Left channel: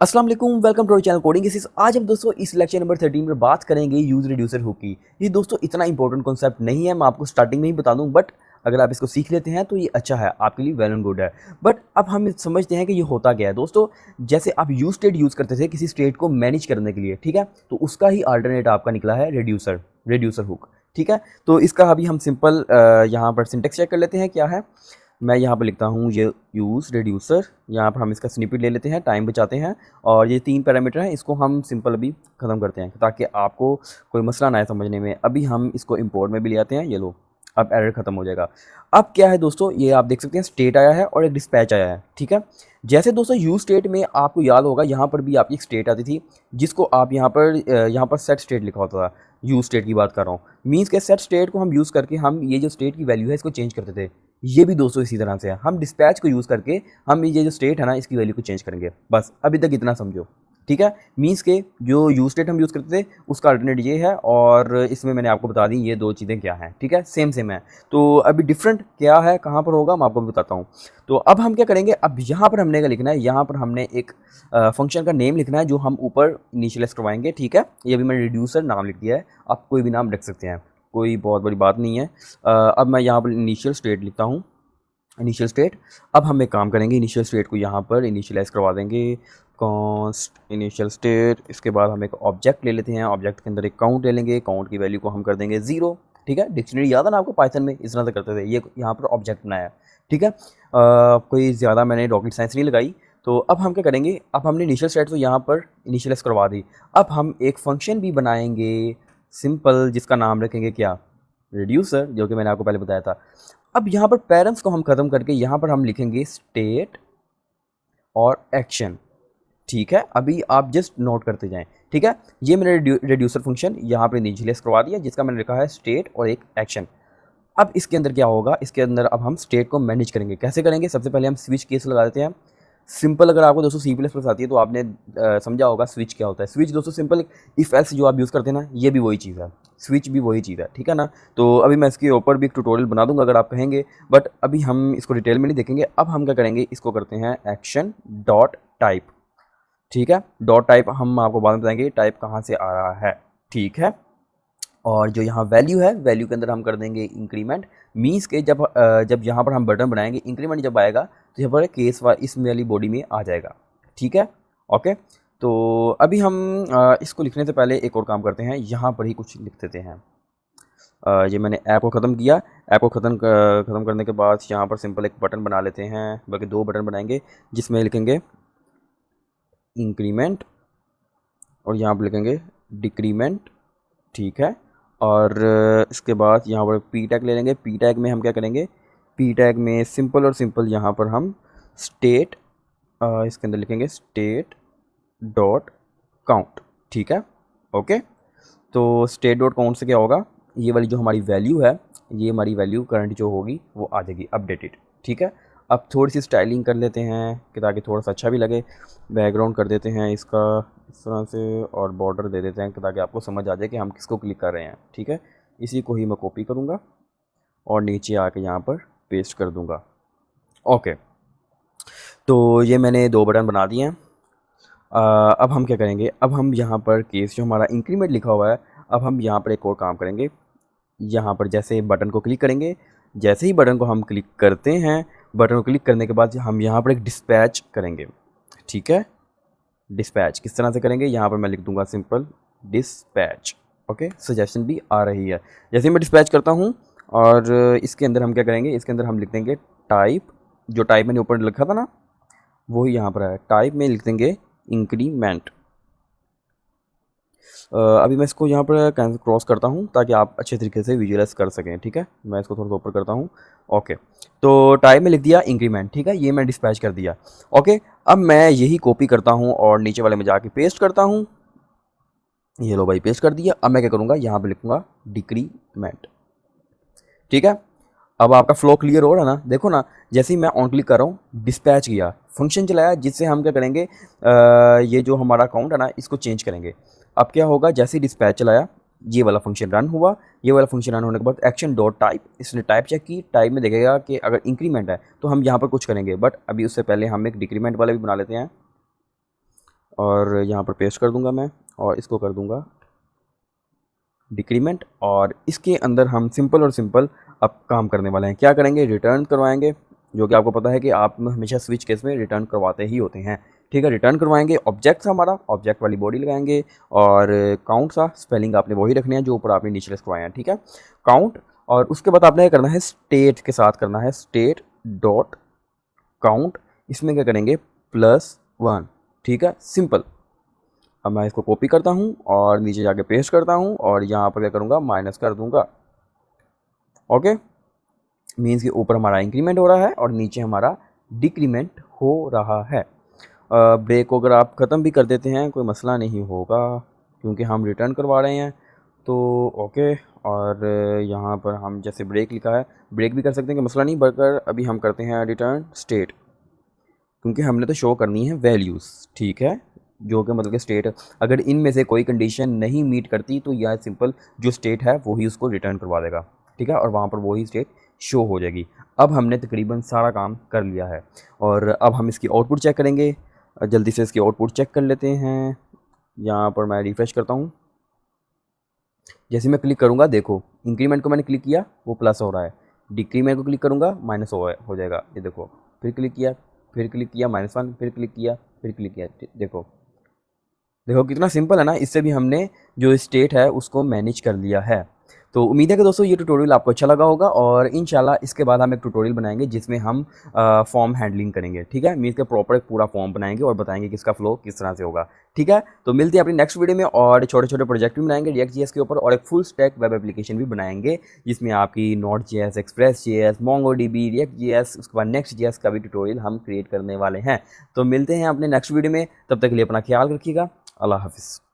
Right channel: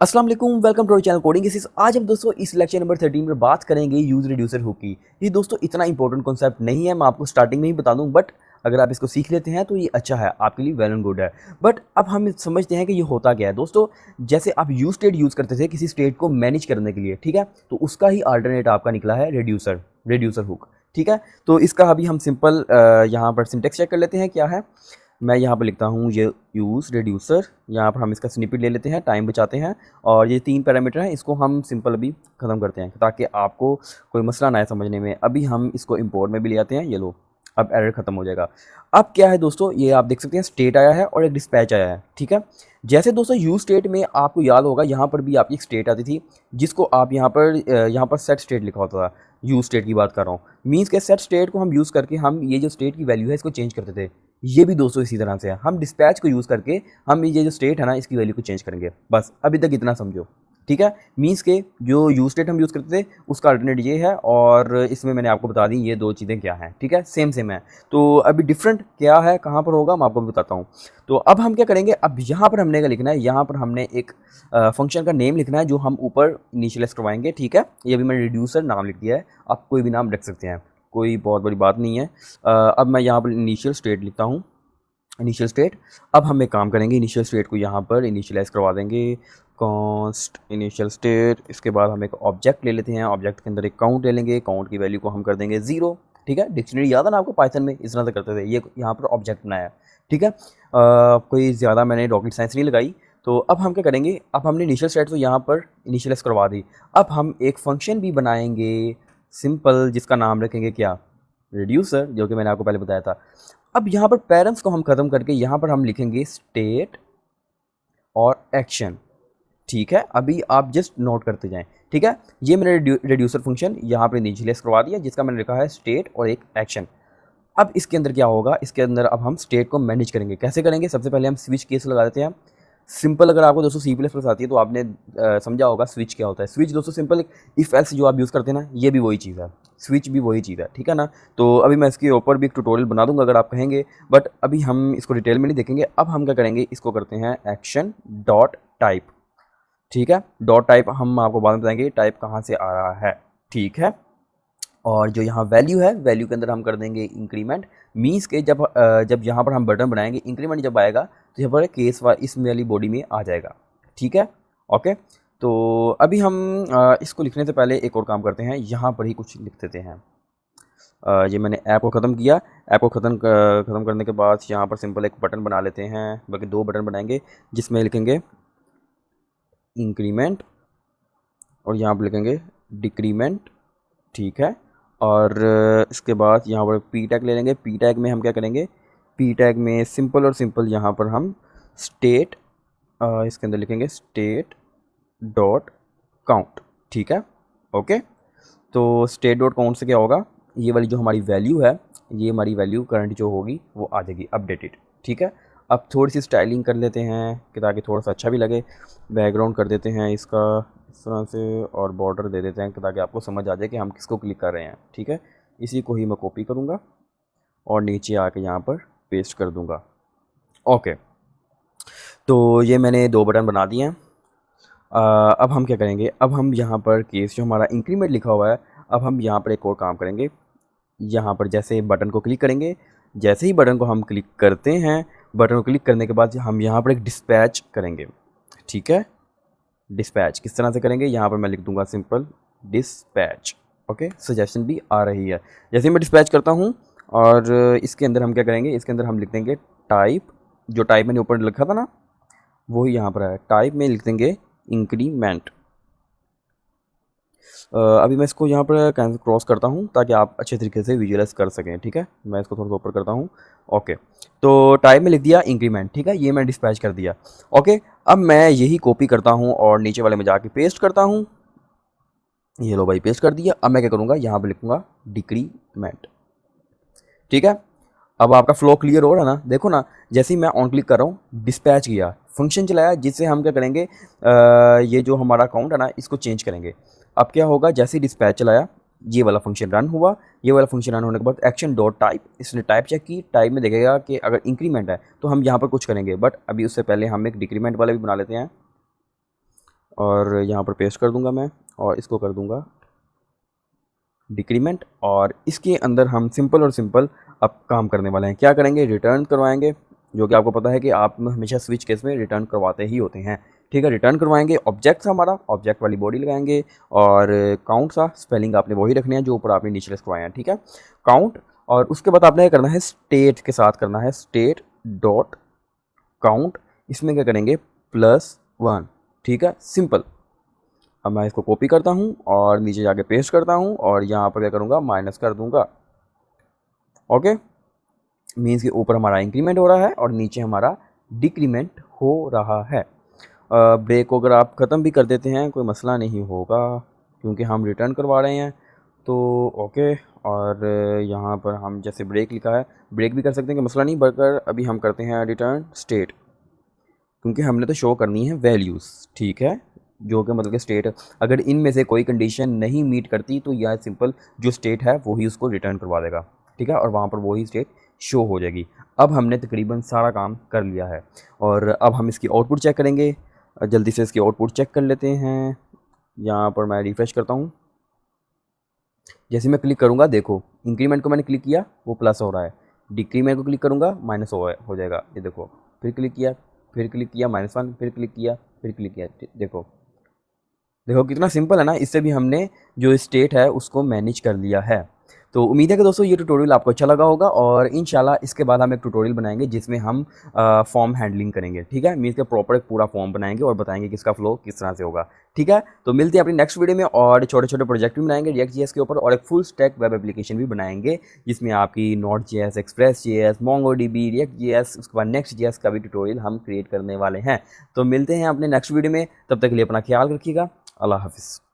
अस्सलाम वालेकुम, welcome to our channel coding cases. आज हम दोस्तों इस लेक्चर नंबर 13 में बात करेंगे यूज रिड्यूसर हुक की। ये दोस्तों इतना इंपॉर्टेंट कॉन्सेप्ट नहीं है, मैं आपको स्टार्टिंग में ही बता दूं, बट अगर आप इसको सीख लेते हैं तो ये अच्छा है, आपके लिए वेल एंड गुड है। बट अब हम समझते हैं कि ये होता क्या है दोस्तों। जैसे आप यूज स्टेट यूज करते थे किसी स्टेट को मैनेज करने के लिए, ठीक है, तो उसका ही अल्टरनेट आपका निकला है रिड्यूसर रिड्यूसर हुक। ठीक है, तो इसका अभी हम सिंपल यहाँ पर सिंटेक्स चेक कर लेते हैं क्या है। मैं यहाँ पर लिखता हूँ ये यूज़ रिड्यूसर, यहाँ पर हम इसका स्निपेट ले लेते हैं, टाइम बचाते हैं, और ये 3 पैरामीटर हैं, इसको हम सिंपल अभी ख़त्म करते हैं ताकि आपको कोई मसला ना आए समझने में। अभी हम इसको इंपोर्ट में भी ले आते हैं, ये लो, अब एरर ख़त्म हो जाएगा। अब क्या है दोस्तों, ये आप देख सकते हैं स्टेट आया है और एक डिस्पैच आया है। ठीक है, जैसे दोस्तों यूज स्टेट में आपको याद होगा यहाँ पर भी आपकी एक स्टेट आती थी जिसको आप यहाँ पर सेट स्टेट लिखा होता था। यूज स्टेट की बात कर रहा हूँ, मीन्स के सेट स्टेट को हम यूज़ करके हम ये जो स्टेट की वैल्यू है इसको चेंज करते थे। ये भी दोस्तों इसी तरह से है, हम डिस्पैच को यूज़ करके हम ये जो स्टेट है ना इसकी वैल्यू को चेंज करेंगे। बस अभी तक इतना समझो। ठीक है, मीन्स के जो यूज स्टेट हम यूज़ करते थे उसका अल्टरनेट ये है, और इसमें मैंने आपको बता दी ये दो चीज़ें क्या हैं। ठीक है, सेम सेम है। तो अभी डिफरेंट क्या है, कहाँ पर होगा, मैं आपको भी बताता हूँ। तो अब हम क्या करेंगे, अब यहाँ पर हमने क्या लिखना है, यहाँ पर हमने एक फंक्शन का नेम लिखना है जो हम ऊपर इनिशियलाइज करवाएंगे। ठीक है, ये भी मैंने रिड्यूसर नाम लिख दिया है, आप कोई भी नाम रख सकते हैं, कोई बहुत बड़ी बात नहीं है। अब मैं यहाँ पर इनिशियल स्टेट लिखता हूँ, इनिशियल स्टेट। अब हम एक काम करेंगे, इनिशियल स्टेट को यहाँ पर इनिशियलाइज करवा देंगे, कॉन्स्ट इनिशियल स्टेट। इसके बाद हम एक ऑब्जेक्ट ले लेते हैं, ऑब्जेक्ट के अंदर एक काउंट ले लेंगे, काउंट की वैल्यू को हम कर देंगे 0। ठीक है, डिक्शनरी याद है ना आपको, पाइथन में इस तरह से करते थे, ये यहाँ पर ऑब्जेक्ट बनाया। ठीक है, कोई ज़्यादा मैंने रॉकेट साइंस नहीं लगाई। तो अब हम क्या करेंगे, अब हमने इनिशियल स्टेट तो यहाँ पर इनिशियलाइज करवा दी। अब हम एक फंक्शन भी बनाएंगे सिंपल, जिसका नाम रखेंगे क्या, रिड्यूसर, जो कि मैंने आपको पहले बताया था। अब यहाँ पर पेरेंट्स को हम ख़त्म करके यहाँ पर हम लिखेंगे स्टेट और एक्शन। ठीक है, अभी आप जस्ट नोट करते जाएं। ठीक है, ये मैंने रिड्यूसर फंक्शन यहाँ पर इनिशियलाइज करवा दिया, जिसका मैंने लिखा है स्टेट और एक एक्शन। अब इसके अंदर क्या होगा, इसके अंदर अब हम स्टेट को मैनेज करेंगे। कैसे करेंगे, सबसे पहले हम स्विच केस लगा देते हैं। सिंपल, अगर आपको दोस्तों सी प्लस प्लस आती है तो आपने समझा होगा स्विच क्या होता है। स्विच दोस्तों सिंपल इफ एल्स जो आप यूज़ करते हैं ना, ये भी वही चीज़ है, स्विच भी वही चीज़ है। ठीक है ना, तो अभी मैं इसके ऊपर भी ट्यूटोरियल बना दूंगा अगर आप कहेंगे, बट अभी हम इसको डिटेल में नहीं देखेंगे। अब हम क्या करेंगे, इसको करते हैं एक्शन डॉट टाइप। ठीक है, डॉट टाइप हम आपको बाद में बताएंगे टाइप कहाँ से आ रहा है। ठीक है, और जो यहाँ वैल्यू है, वैल्यू के अंदर हम कर देंगे इंक्रीमेंट। मीन्स के जब यहाँ पर हम बटन बनाएंगे, इंक्रीमेंट जब आएगा तो यहाँ पर केस इस वाली बॉडी में आ जाएगा। ठीक है, ओके। तो अभी हम इसको लिखने से पहले एक और काम करते हैं, यहाँ पर ही कुछ लिख देते हैं। ये मैंने ऐप को ख़त्म किया। ऐप को ख़त्म करने के बाद यहाँ पर सिंपल एक बटन बना लेते हैं, बल्कि 2 बटन बनाएंगे, जिसमें लिखेंगे इंक्रीमेंट और यहाँ पर लिखेंगे डिक्रीमेंट। ठीक है, और इसके बाद यहाँ पर पी टैग ले लेंगे। पी टैग में हम क्या करेंगे, पी टैग में सिंपल और सिंपल यहाँ पर हम स्टेट, इसके अंदर लिखेंगे स्टेट डॉट काउंट। ठीक है, ओके। तो स्टेट डॉट काउंट से क्या होगा, ये वाली जो हमारी वैल्यू है, ये हमारी वैल्यू करंट जो होगी वो आ जाएगी अपडेटेड। ठीक है, अब थोड़ी सी स्टाइलिंग कर लेते हैं कि ताकि थोड़ा सा अच्छा भी लगे। बैकग्राउंड कर देते हैं इसका इस तरह से, और बॉर्डर दे देते हैं ताकि आपको समझ आ जाए कि हम किसको क्लिक कर रहे हैं। ठीक है, इसी को ही मैं कॉपी करूँगा और नीचे आके यहाँ पर पेस्ट कर दूँगा। ओके, तो ये मैंने 2 बटन बना दिए हैं। अब हम क्या करेंगे, अब हम यहाँ पर केस जो हमारा इंक्रीमेंट लिखा हुआ है, अब हम यहाँ पर एक और काम करेंगे। यहाँ पर जैसे बटन को क्लिक करेंगे, जैसे ही बटन को हम क्लिक करते हैं, बटन को क्लिक करने के बाद हम यहाँ पर एक डिस्पैच करेंगे। ठीक है, डिस्पैच किस तरह से करेंगे, यहाँ पर मैं लिख दूंगा सिंपल डिस्पैच। ओके, सजेशन भी आ रही है। जैसे ही मैं डिस्पैच करता हूँ, और इसके अंदर हम क्या करेंगे, इसके अंदर हम लिख देंगे टाइप, जो टाइप मैंने ऊपर लिखा था ना वही यहाँ पर है, टाइप में लिख देंगे इंक्रीमेंट। अभी मैं इसको यहाँ पर क्रॉस करता हूँ ताकि आप अच्छे तरीके से विजुअलाइज कर सकें। ठीक है, मैं इसको थोड़ा सा ऊपर करता हूँ। ओके, तो टाइप में लिख दिया इंक्रीमेंट। ठीक है, ये मैं डिस्पैच कर दिया। ओके, अब मैं यही कॉपी करता हूँ और नीचे वाले में जाके पेस्ट करता हूँ। ये लो भाई, पेस्ट कर दिया। अब मैं क्या करूँगा, यहाँ पर लिखूँगा डिक्रीमेंट। ठीक है, अब आपका फ्लो क्लियर हो रहा है ना, देखो ना, जैसे ही मैं ऑन क्लिक कर रहा हूँ, डिस्पैच किया, फंक्शन चलाया, जिससे हम क्या करेंगे, ये जो हमारा अकाउंट है ना इसको चेंज करेंगे। अब क्या होगा, जैसे ही डिस्पैच चलाया, ये वाला फंक्शन रन हुआ। ये वाला फंक्शन रन होने के बाद एक्शन डॉट टाइप, इसने टाइप चेक की, टाइप में देखेगा कि अगर इंक्रीमेंट है तो हम यहाँ पर कुछ करेंगे, बट अभी उससे पहले हम एक डिक्रीमेंट वाला भी बना लेते हैं। और यहाँ पर पेस्ट कर दूंगा मैं, और इसको कर दूंगा डिक्रीमेंट। और इसके अंदर हम सिंपल और सिंपल अब काम करने वाले हैं। क्या करेंगे, रिटर्न करवाएंगे, जो कि आपको पता है कि आप हमेशा स्विच केस में रिटर्न करवाते ही होते हैं। ठीक है, रिटर्न करवाएंगे। ऑब्जेक्ट था हमारा, ऑब्जेक्ट वाली बॉडी लगाएंगे, और काउंट सा स्पेलिंग आपने वही रखने हैं जो ऊपर आपने नीचे करवाए हैं। ठीक है, काउंट। और उसके बाद आपने क्या करना है, स्टेट के साथ करना है, स्टेट डॉट काउंट। इसमें क्या करेंगे, +1। ठीक है, सिंपल। अब मैं इसको कॉपी करता हूँ और नीचे जाके पेस्ट करता हूँ, और यहाँ पर क्या करूँगा, माइनस कर दूँगा। ओके, मीन्स के ऊपर हमारा इंक्रीमेंट हो रहा है और नीचे हमारा डिक्रीमेंट हो रहा है। ब्रेक को अगर आप ख़त्म भी कर देते हैं कोई मसला नहीं होगा, क्योंकि हम रिटर्न करवा रहे हैं। तो ओके, और यहाँ पर हम जैसे ब्रेक लिखा है, ब्रेक भी कर सकते हैं कि मसला नहीं, बल्कि अभी हम करते हैं रिटर्न स्टेट, क्योंकि हमने तो शो करनी है वैल्यूज़। ठीक है, जो कि मतलब कि स्टेट, अगर इनमें से कोई कंडीशन नहीं मीट करती तो यह सिंपल जो स्टेट है वही उसको रिटर्न करवा देगा। ठीक है, और वहाँ पर वही स्टेट शो हो जाएगी। अब हमने तकरीबन सारा काम कर लिया है, और अब हम इसकी आउटपुट चेक करेंगे। जल्दी से इसकी आउटपुट चेक कर लेते हैं। यहाँ पर मैं रिफ़्रेश करता हूँ। जैसे मैं क्लिक करूँगा, देखो इंक्रीमेंट को मैंने क्लिक किया, वो प्लस हो रहा है। डिक्रीमेंट को क्लिक करूँगा, माइनस हो जाएगा। ये देखो, फिर क्लिक किया, फिर क्लिक किया, -1, फिर क्लिक किया, फिर क्लिक किया। देखो देखो कितना सिंपल है ना। इससे भी हमने जो स्टेट है उसको मैनेज कर लिया है। तो उम्मीद है कि दोस्तों ये ट्यूटोरियल आपको अच्छा लगा होगा, और इंशाल्लाह इसके बाद हम एक ट्यूटोरियल बनाएंगे जिसमें हम फॉर्म हैंडलिंग करेंगे। ठीक है, मीन्स के प्रॉपर एक पूरा फॉर्म बनाएंगे और बताएंगे कि इसका फ्लो किस तरह से होगा। ठीक है, तो मिलते हैं अपनी नेक्स्ट वीडियो में, और छोटे छोटे प्रोजेक्ट भी बनाएंगे React.js के ऊपर, और एक फुल स्टैक वेब एप्लीकेशन भी बनाएंगे जिसमें आपकी Node.js, Express.js, MongoDB, React.js, उसके बाद Next.js का भी ट्यूटोरियल हम क्रिएट करने वाले हैं। तो मिलते हैं अपने नेक्स्ट वीडियो में, तब तक के लिए अपना ख्याल रखिएगा। अल्लाह हाफिज़।